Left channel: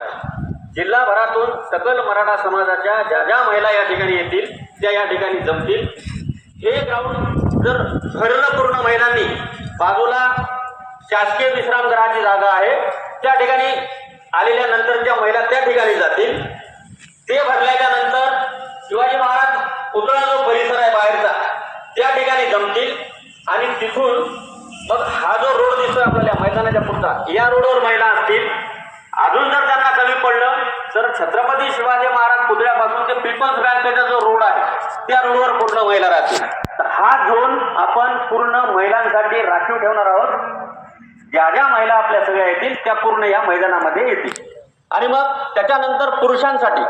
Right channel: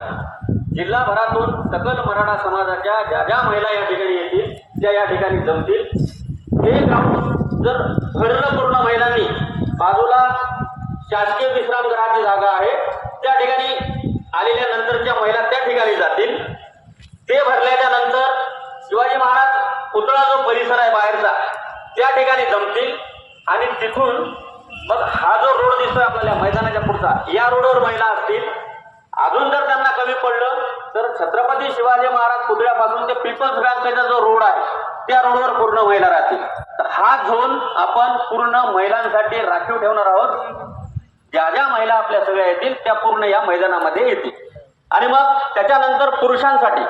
जिल्हाभरातून सकल मराठा समाजाच्या ज्या ज्या महिला या ठिकाणी येतील त्या या ठिकाणी जमतील। हे ग्राउंड जर भरलं पूर्ण महिलांनी, बाजूला शासकीय विश्रामगृहाची जागा आहे, त्या ठिकाणी आलेल्या नंतरच्या महिला त्या ठिकाणी जातील। ते भरल्याच्या नंतर शिवाजी महाराज पुतळा जो परिसर आहे बाहेरचा त्या ठिकाणी जमतील आणि तिथून मग हा जो रोड दिसतोय आपल्याला मैदानाच्या पुढचा, या रोडवर महिला असतील। अजून जर त्यांना कमी पडलं तर छत्रपती शिवाजी महाराज पुतळ्यापासून ते पीपल्स बँकेचा जो रोड आहे त्या रोडवर पूर्ण महिला राहतील। तर हा झोन आपण पूर्ण महिलांसाठी राखीव ठेवणार आहोत। ज्या ज्या महिला आपल्या सगळ्या येतील त्या पूर्ण या मैदानामध्ये येतील। आणि मग त्याच्यानंतर पुरुषांसाठी,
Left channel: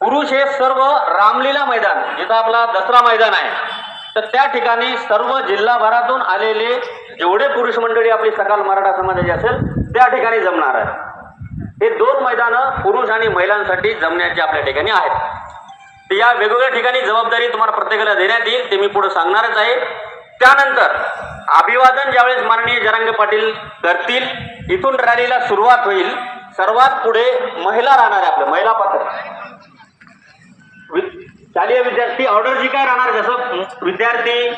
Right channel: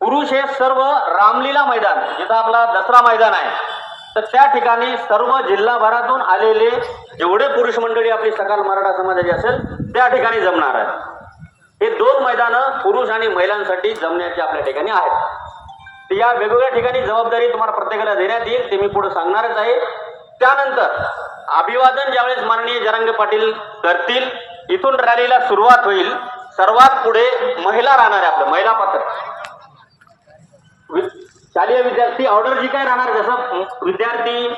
पुरुष हे सर्व रामलीला मैदान जिथं आपला दसरा मैदान आहे, तर त्या ठिकाणी सर्व जिल्हाभरातून आलेले जेवढे पुरुष मंडळी आपली सकाल मराठा समाजाची असेल त्या ठिकाणी जमणार आहे। हे दोन मैदानं पुरुष आणि महिलांसाठी जमण्याची आपल्या ठिकाणी आहेत। तर या वेगवेगळ्या ठिकाणी जबाबदारी तुम्हाला प्रत्येकाला देण्यात येईल, ते मी पुढे सांगणारच आहे। त्यानंतर अभिवादन ज्यावेळेस माननीय जरांगे पाटील करतील, इथून रॅलीला सुरुवात होईल। सर्वात पुढे महिला राहणार आहे, आपल्या महिला पात्र शालेय विद्यार्थी ऑर्डर जी काय राहणार, जसं विद्यार्थी,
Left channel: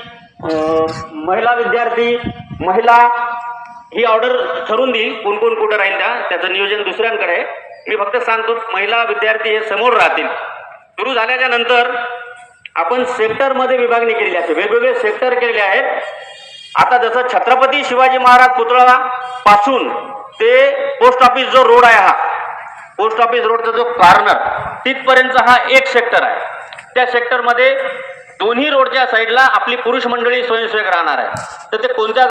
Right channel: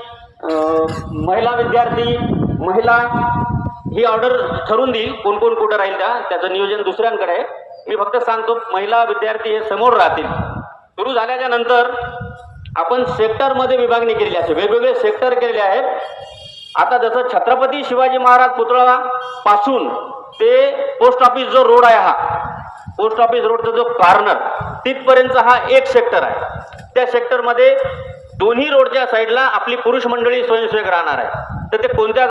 महिला विद्यार्थी, महिला ही ऑर्डर ठरवून देईल कोण कोण कुठं राहील, त्याचं नियोजन दुसऱ्यांकडे आहे। मी फक्त सांगतो महिला विद्यार्थी हे समोर राहतील। सुरू झाल्याच्या नंतर आपण सेक्टरमध्ये विभागणी केलेली आहे, वेगवेगळे सेक्टर केलेले आहेत। आता जसं छत्रपती शिवाजी महाराज पुतळा पासून ते पोस्ट ऑफिस जो रोड आहे, हा पोस्ट ऑफिस रोडचा जो कॉर्नर तिथपर्यंत हा एक सेक्टर आहे। त्या सेक्टरमध्ये दोन्ही रोडच्या साईडला आपली पुरुष मंडळी स्वयंसेवक राहणार आहे। तर ते कोणत्या